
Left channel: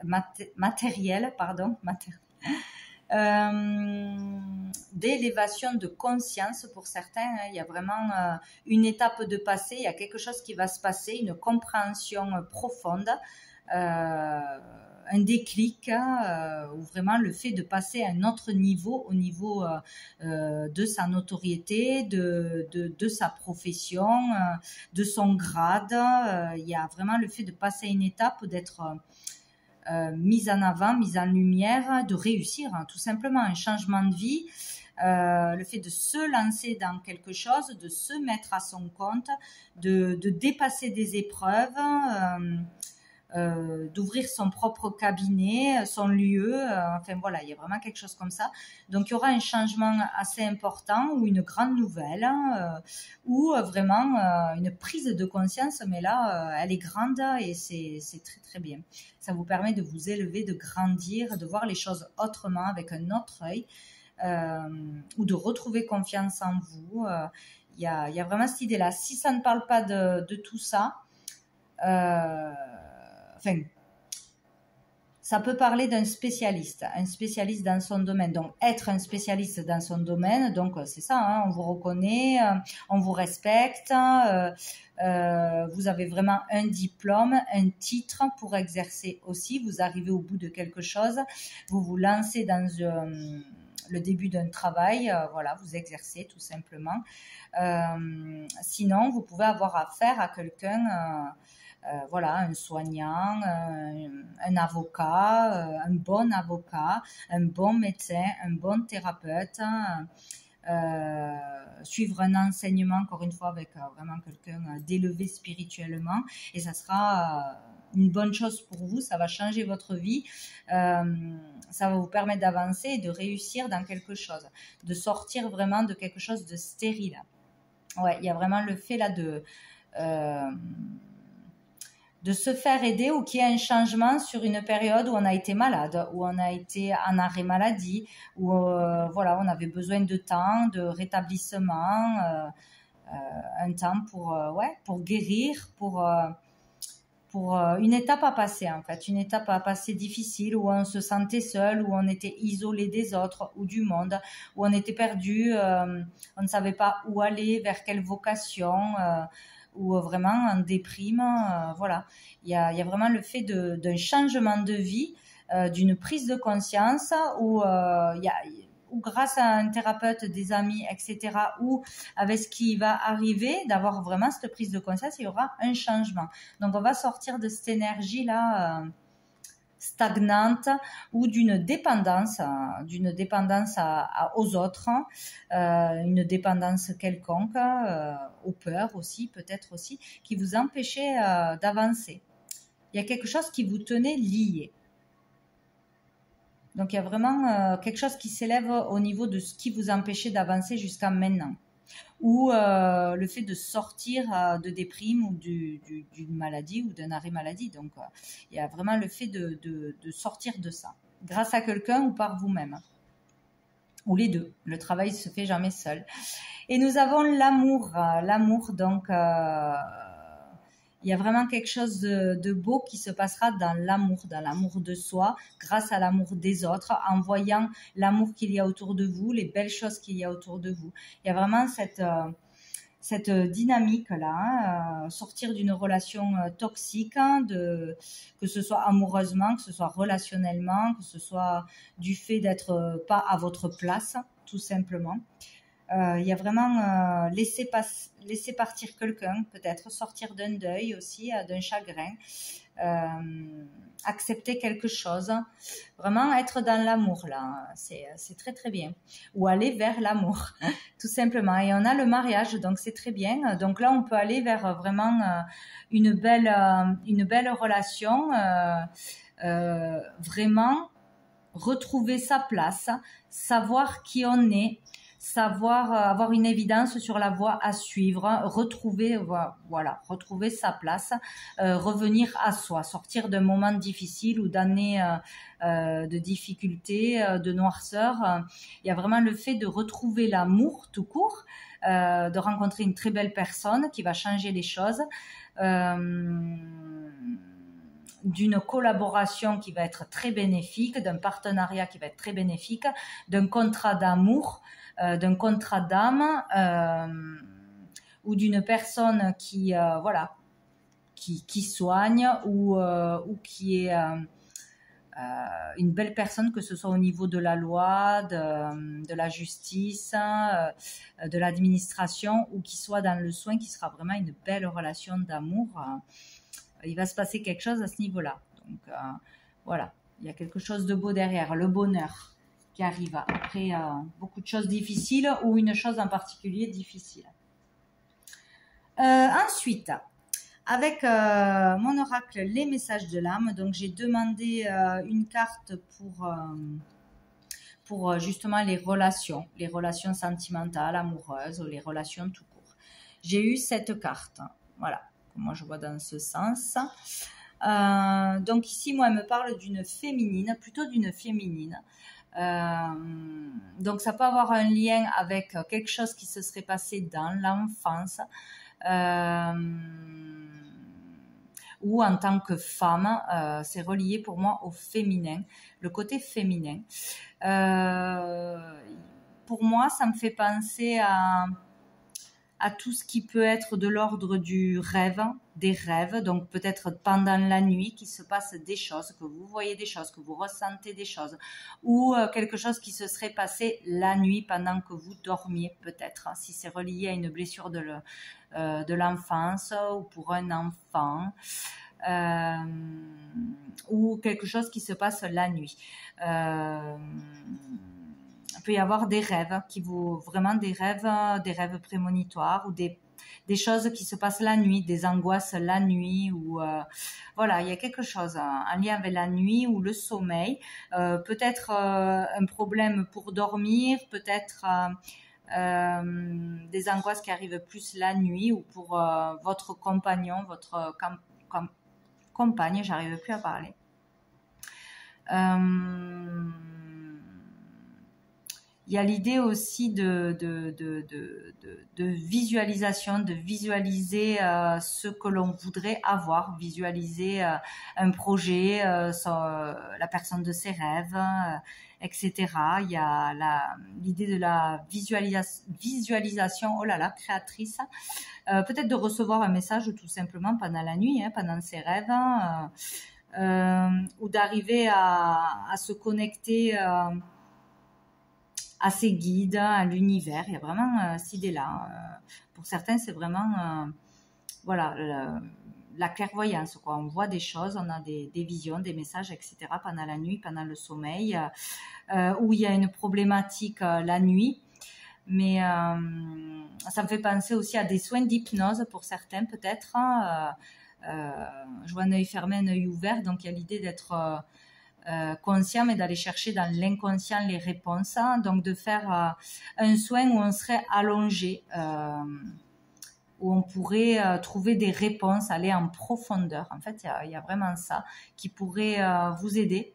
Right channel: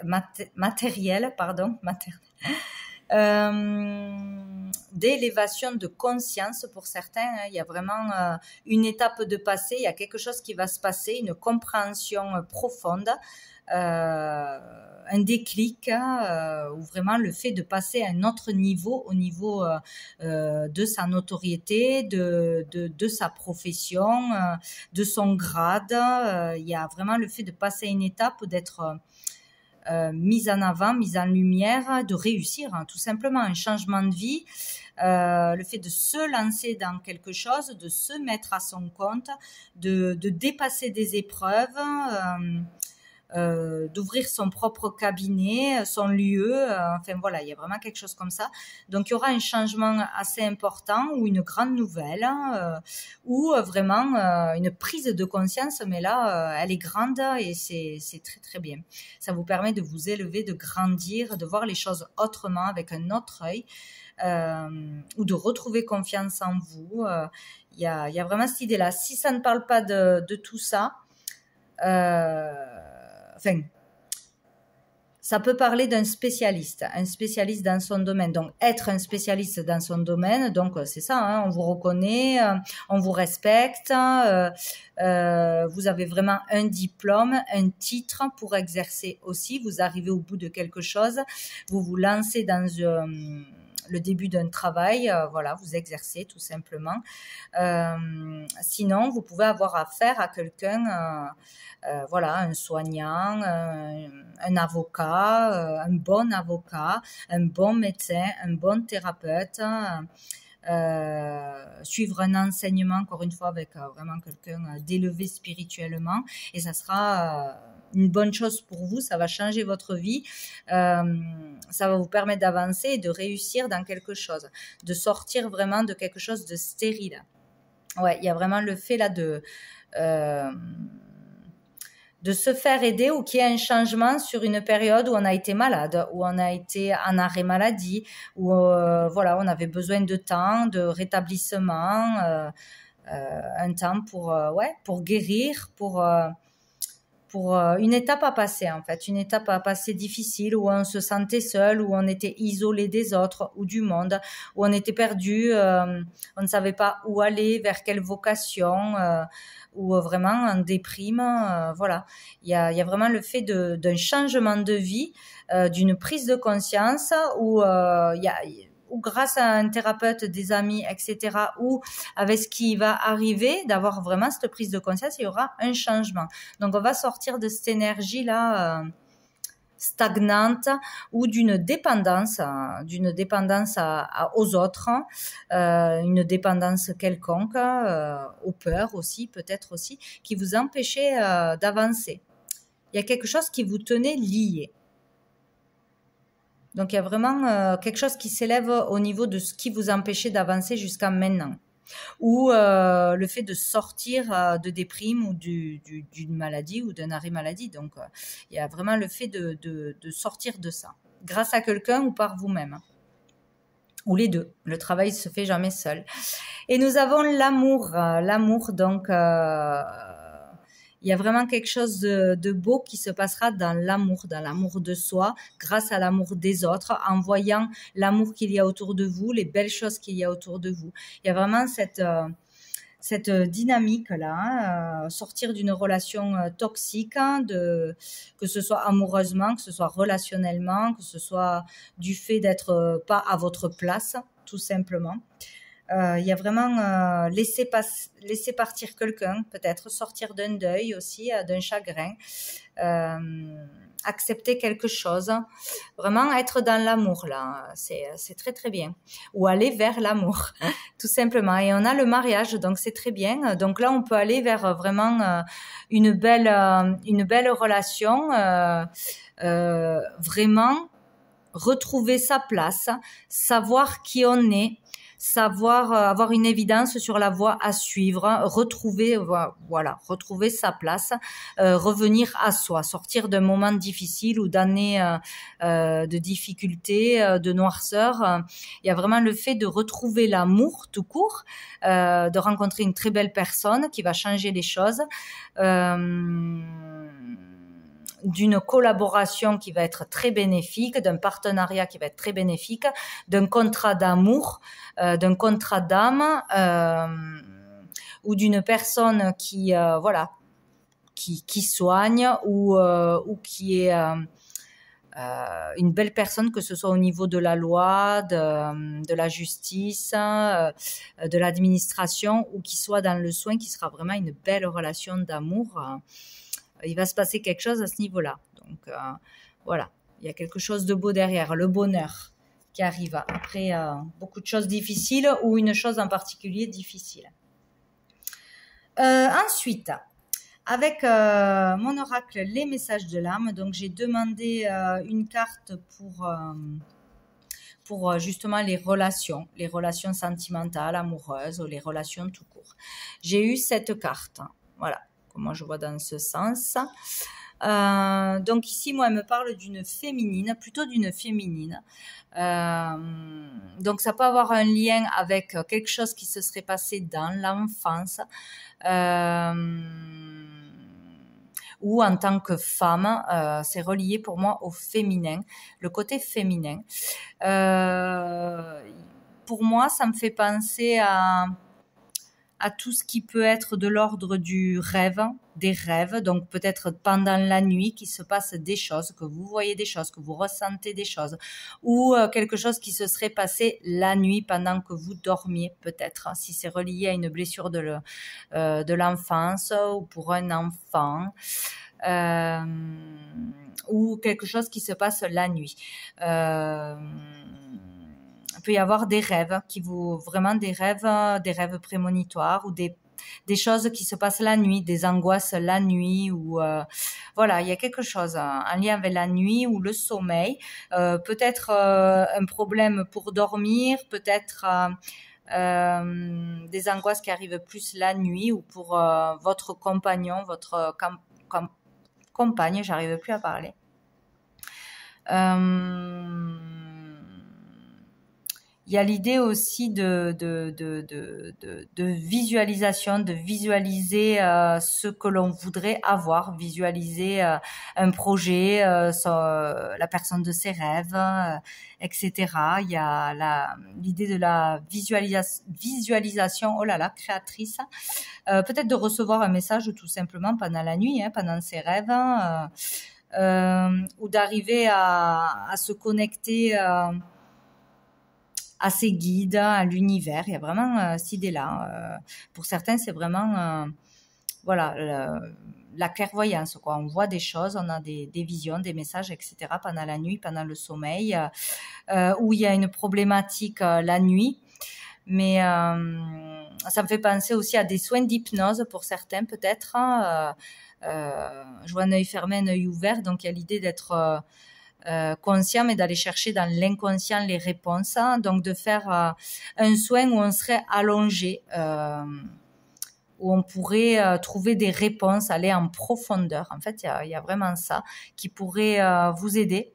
d'élévation de conscience pour certains. Hein. Il y a vraiment une étape de passé, il y a quelque chose qui va se passer, une compréhension profonde. Un déclic, ou vraiment le fait de passer à un autre niveau, au niveau de sa notoriété, de sa profession, de son grade. Il y a vraiment le fait de passer à une étape, d'être mise en avant, mise en lumière, de réussir, hein, tout simplement un changement de vie. Le fait de se lancer dans quelque chose, de se mettre à son compte, de dépasser des épreuves, d'ouvrir son propre cabinet, son lieu, enfin voilà, il y a vraiment quelque chose comme ça. Donc il y aura un changement assez important ou une grande nouvelle, ou vraiment une prise de conscience, mais là elle est grande et c'est très très bien. Ça vous permet de vous élever, de grandir, de voir les choses autrement, avec un autre œil, ou de retrouver confiance en vous. Il y a vraiment cette idée-là. Si ça ne parle pas de tout ça, enfin, ça peut parler d'un spécialiste, un spécialiste dans son domaine. Donc, être un spécialiste dans son domaine, donc c'est ça, hein, on vous reconnaît, on vous respecte, vous avez vraiment un diplôme, un titre pour exercer aussi, vous arrivez au bout de quelque chose, vous vous lancez dans le début d'un travail, voilà, vous exercez tout simplement. Sinon, vous pouvez avoir affaire à quelqu'un... voilà, un soignant, un avocat, un bon avocat, un bon médecin, un bon thérapeute, suivre un enseignement, encore une fois, avec vraiment quelqu'un d'élevé spirituellement, et ça sera une bonne chose pour vous, ça va changer votre vie, ça va vous permettre d'avancer et de réussir dans quelque chose, de sortir vraiment de quelque chose de stérile. Ouais, il y a vraiment le fait là de se faire aider ou qu'il y ait un changement sur une période où on a été malade, où on a été en arrêt maladie, où voilà, on avait besoin de temps, de rétablissement, un temps pour guérir, pour une étape à passer en fait, une étape à passer difficile où on se sentait seul, où on était isolé des autres ou du monde, où on était perdu, on ne savait pas où aller, vers quelle vocation, ou vraiment en déprime, voilà. Il y a vraiment le fait d'un changement de vie, d'une prise de conscience où ou grâce à un thérapeute, des amis, etc., ou avec ce qui va arriver, d'avoir vraiment cette prise de conscience, il y aura un changement. Donc, on va sortir de cette énergie-là stagnante ou d'une dépendance aux autres, une dépendance quelconque, aux peurs aussi, peut-être aussi, qui vous empêchait d'avancer. Il y a quelque chose qui vous tenait lié. Donc, il y a vraiment quelque chose qui s'élève au niveau de ce qui vous empêchait d'avancer jusqu'à maintenant. Ou le fait de sortir de déprime ou d'une maladie ou d'un arrêt maladie. Donc, il y a vraiment le fait de sortir de ça, grâce à quelqu'un ou par vous-même. Ou les deux. Le travail ne se fait jamais seul. Et nous avons l'amour. L'amour, donc... il y a vraiment quelque chose de beau qui se passera dans l'amour de soi, grâce à l'amour des autres, en voyant l'amour qu'il y a autour de vous, les belles choses qu'il y a autour de vous. Il y a vraiment cette dynamique-là, sortir d'une relation toxique, que ce soit amoureusement, que ce soit relationnellement, que ce soit du fait d'être pas à votre place, tout simplement. Il y a vraiment laisser partir quelqu'un, peut-être sortir d'un deuil aussi, d'un chagrin, accepter quelque chose, vraiment être dans l'amour là, c'est très très bien, ou aller vers l'amour tout simplement. Et on a le mariage, donc c'est très bien. Donc là on peut aller vers vraiment une belle relation, vraiment retrouver sa place, savoir qui on est, savoir avoir une évidence sur la voie à suivre, retrouver sa place, revenir à soi, sortir d'un moment difficile ou d'années de difficultés, de noirceur. Il y a vraiment le fait de retrouver l'amour tout court, de rencontrer une très belle personne qui va changer les choses, d'une collaboration qui va être très bénéfique, d'un partenariat qui va être très bénéfique, d'un contrat d'amour, d'un contrat d'âme, ou d'une personne qui soigne ou qui est une belle personne, que ce soit au niveau de la loi, de la justice, de l'administration, ou qui soit dans le soin, qui sera vraiment une belle relation d'amour. Il va se passer quelque chose à ce niveau-là. Donc, voilà, il y a quelque chose de beau derrière, le bonheur qui arrive après beaucoup de choses difficiles ou une chose en particulier difficile. Ensuite, avec mon oracle, les messages de l'âme, donc j'ai demandé une carte pour justement les relations sentimentales, amoureuses, ou les relations tout court. J'ai eu cette carte, voilà. Moi je vois dans ce sens. Donc ici, moi, elle me parle d'une féminine, plutôt d'une féminine. Donc ça peut avoir un lien avec quelque chose qui se serait passé dans l'enfance, ou en tant que femme, c'est relié pour moi au féminin, le côté féminin. Pour moi, ça me fait penser à tout ce qui peut être de l'ordre du rêve, des rêves, donc peut-être pendant la nuit qu'il se passe des choses, que vous voyez des choses, que vous ressentez des choses, ou quelque chose qui se serait passé la nuit pendant que vous dormiez, peut-être, si c'est relié à une blessure de l'enfance ou pour un enfant, ou quelque chose qui se passe la nuit. Il peut y avoir des rêves vraiment des rêves prémonitoires, ou des des choses qui se passent la nuit, des angoisses la nuit, ou voilà, il y a quelque chose en lien avec la nuit ou le sommeil, peut-être un problème pour dormir, peut-être des angoisses qui arrivent plus la nuit, ou pour votre compagnon, votre compagne, j'arrive plus à parler. Il y a l'idée aussi de visualisation, de visualiser ce que l'on voudrait avoir, visualiser un projet, la personne de ses rêves, etc. Il y a l'idée de la visualisation, oh là là, créatrice, peut-être de recevoir un message tout simplement pendant la nuit, pendant ses rêves, ou d'arriver à se connecter à ses guides, à l'univers. Il y a vraiment cette idée-là. Pour certains, c'est vraiment voilà, la clairvoyance, quoi. On voit des choses, on a des visions, des messages, etc. pendant la nuit, pendant le sommeil, où il y a une problématique la nuit. Mais ça me fait penser aussi à des soins d'hypnose pour certains, peut-être. Je vois un œil fermé, un œil ouvert, donc il y a l'idée d'être conscient, mais d'aller chercher dans l'inconscient les réponses, donc de faire un soin où on serait allongé, où on pourrait trouver des réponses, aller en profondeur. En fait, il y a vraiment ça qui pourrait vous aider.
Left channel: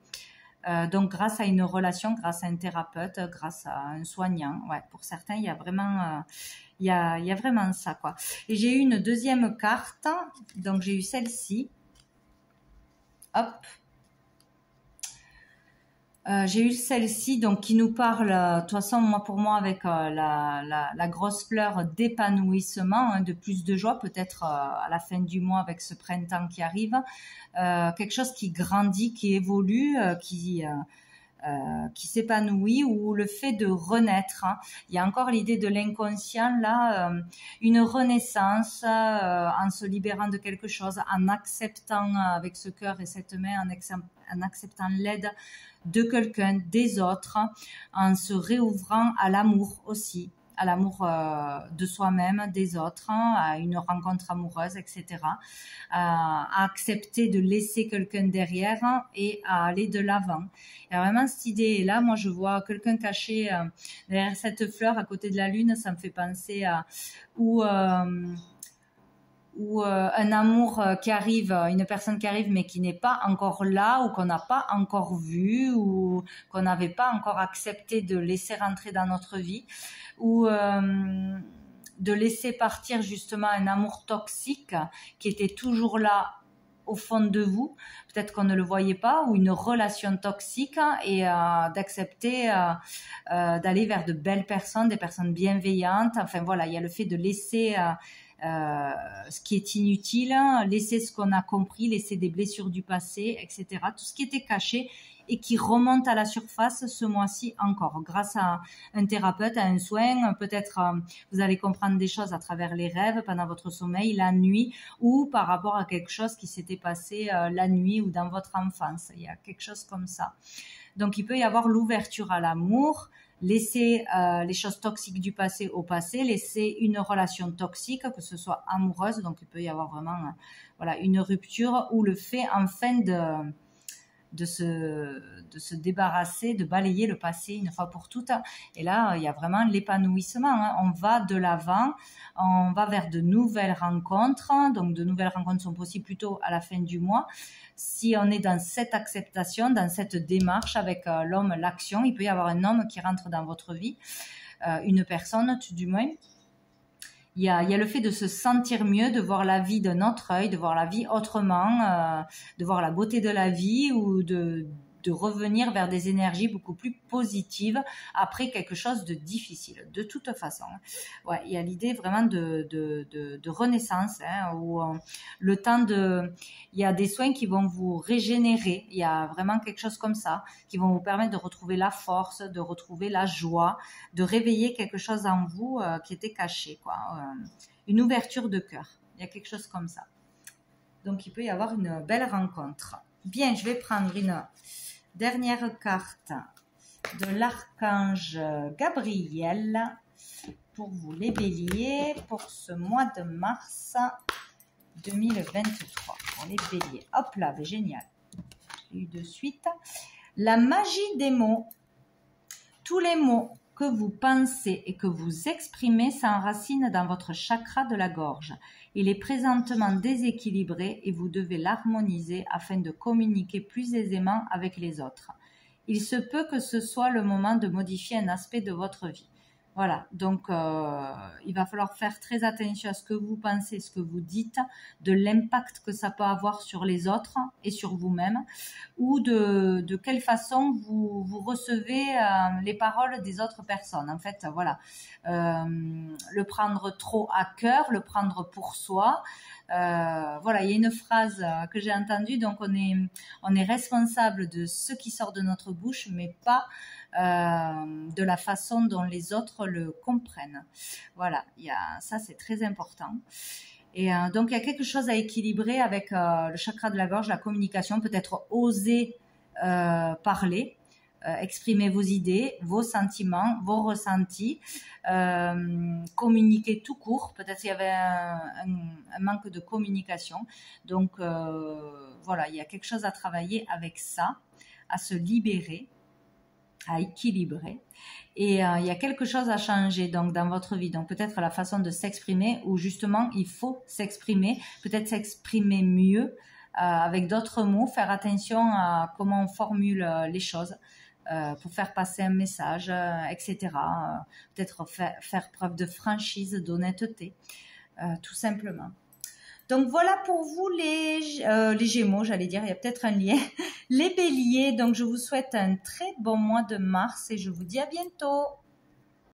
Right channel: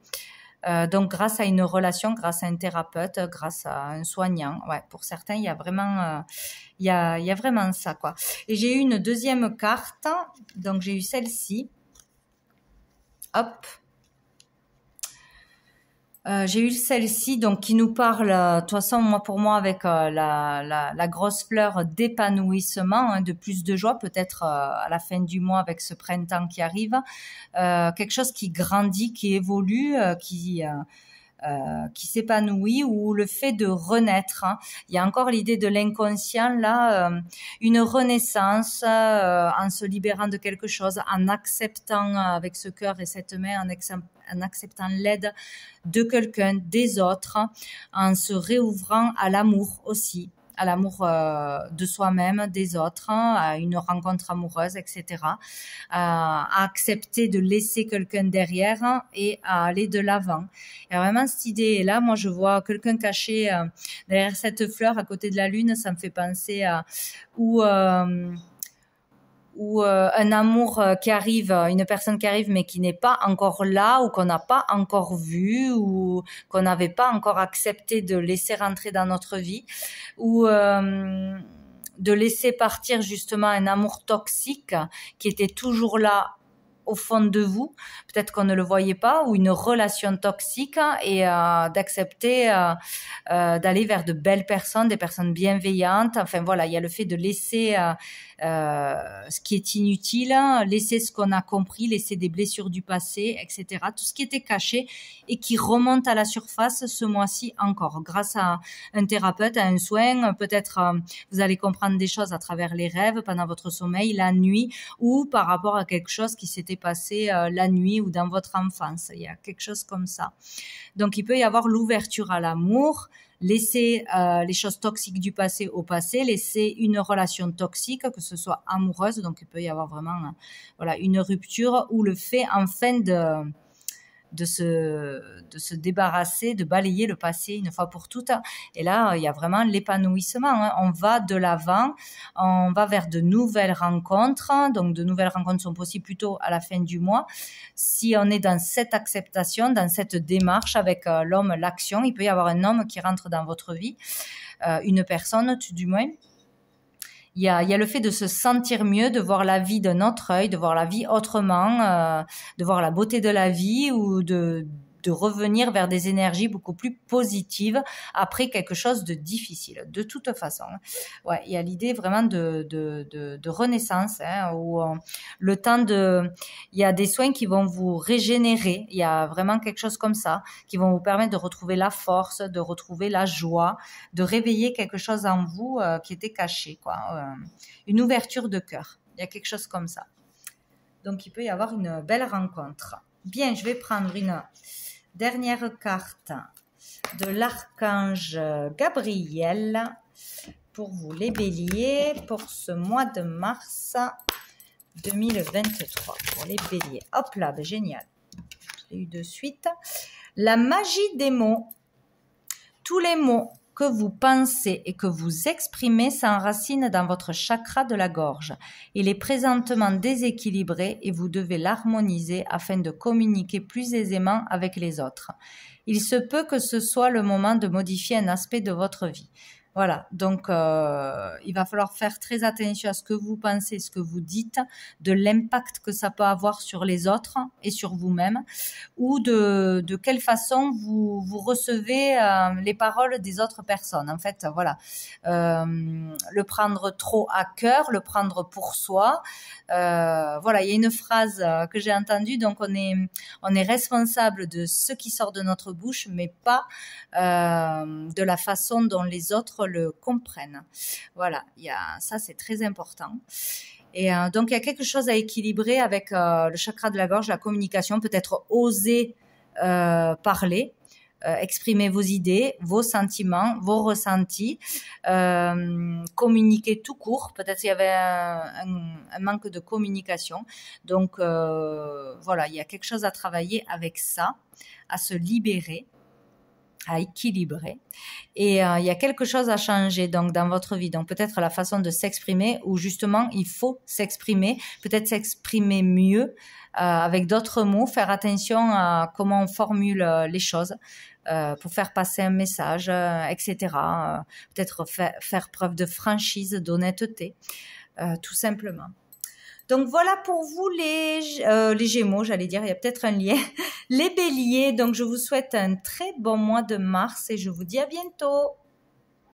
Donc grâce à une relation, grâce à un thérapeute, grâce à un soignant. Ouais, pour certains, il y a vraiment il y a vraiment ça, quoi. Et j'ai eu une deuxième carte, donc j'ai eu celle-ci. Hop. J'ai eu celle-ci, donc qui nous parle, de toute façon, pour moi, avec la grosse fleur d'épanouissement, de plus de joie, peut-être à la fin du mois avec ce printemps qui arrive, quelque chose qui grandit, qui évolue, qui s'épanouit, ou le fait de renaître. Il y a encore l'idée de l'inconscient, là, une renaissance en se libérant de quelque chose, en acceptant avec ce cœur et cette main, en acceptant l'aide de quelqu'un, des autres, en se réouvrant à l'amour aussi, à l'amour de soi-même, des autres, à une rencontre amoureuse, etc. À accepter de laisser quelqu'un derrière et à aller de l'avant. Il y a vraiment cette idée-là. Moi, je vois quelqu'un caché derrière cette fleur à côté de la lune. Ça me fait penser à ou un amour qui arrive, une personne qui arrive mais qui n'est pas encore là, ou qu'on n'a pas encore vu, ou qu'on n'avait pas encore accepté de laisser rentrer dans notre vie, ou de laisser partir justement un amour toxique qui était toujours là au fond de vous, peut-être qu'on ne le voyait pas, ou une relation toxique, et d'accepter d'aller vers de belles personnes, des personnes bienveillantes. Enfin voilà, il y a le fait de laisser ce qui est inutile, laisser ce qu'on a compris, laisser des blessures du passé, etc. Tout ce qui était caché et qui remonte à la surface ce mois-ci encore, grâce à un thérapeute, à un soin. Peut-être vous allez comprendre des choses à travers les rêves, pendant votre sommeil, la nuit, ou par rapport à quelque chose qui s'était passé la nuit ou dans votre enfance. Il y a quelque chose comme ça. Donc il peut y avoir l'ouverture à l'amour, laisser les choses toxiques du passé au passé, laisser une relation toxique, que ce soit amoureuse, donc il peut y avoir vraiment voilà, une rupture, ou le fait enfin de se débarrasser, de balayer le passé une fois pour toutes. Et là, il y a vraiment l'épanouissement. On va de l'avant, on va vers de nouvelles rencontres. Donc, de nouvelles rencontres sont possibles plutôt à la fin du mois. Si on est dans cette acceptation, dans cette démarche avec l'homme, l'action, il peut y avoir un homme qui rentre dans votre vie, une personne tout du moins. Il y a le fait de se sentir mieux, de voir la vie d'un autre œil, de voir la vie autrement, de voir la beauté de la vie, ou de revenir vers des énergies beaucoup plus positives après quelque chose de difficile. De toute façon, ouais, il y a l'idée vraiment de renaissance, où le temps il y a des soins qui vont vous régénérer. Il y a vraiment quelque chose comme ça qui vont vous permettre de retrouver la force, de retrouver la joie, de réveiller quelque chose en vous qui était caché, quoi. Une ouverture de cœur. Il y a quelque chose comme ça. Donc, il peut y avoir une belle rencontre. Bien, je vais prendre une dernière carte de l'archange Gabriel pour vous les béliers pour ce mois de mars 2023. Pour les béliers. Hop là, ben génial. Je l'ai eu de suite. La magie des mots. Tous les mots que vous pensez et que vous exprimez s'enracinent dans votre chakra de la gorge. Il est présentement déséquilibré et vous devez l'harmoniser afin de communiquer plus aisément avec les autres. Il se peut que ce soit le moment de modifier un aspect de votre vie. Voilà, donc il va falloir faire très attention à ce que vous pensez, ce que vous dites, de l'impact que ça peut avoir sur les autres et sur vous-même, ou de quelle façon vous recevez les paroles des autres personnes. En fait, voilà, le prendre trop à cœur, le prendre pour soi. Voilà, il y a une phrase que j'ai entendue, donc on est responsable de ce qui sort de notre bouche, mais pas de la façon dont les autres le comprennent. Voilà, ça c'est très important. Et donc il y a quelque chose à équilibrer avec le chakra de la gorge, la communication, peut-être oser parler, exprimer vos idées, vos sentiments, vos ressentis, communiquer tout court. Peut-être il y avait un manque de communication. Donc voilà, il y a quelque chose à travailler avec ça, à se libérer, à équilibrer, et il y a quelque chose à changer donc dans votre vie, donc peut-être la façon de s'exprimer, ou justement il faut s'exprimer, peut-être s'exprimer mieux avec d'autres mots, faire attention à comment on formule les choses pour faire passer un message, etc. Peut-être faire preuve de franchise, d'honnêteté, tout simplement. Donc voilà pour vous les Gémeaux, j'allais dire, il y a peut-être un lien. Les Béliers, donc je vous souhaite un très bon mois de mars et je vous dis à bientôt.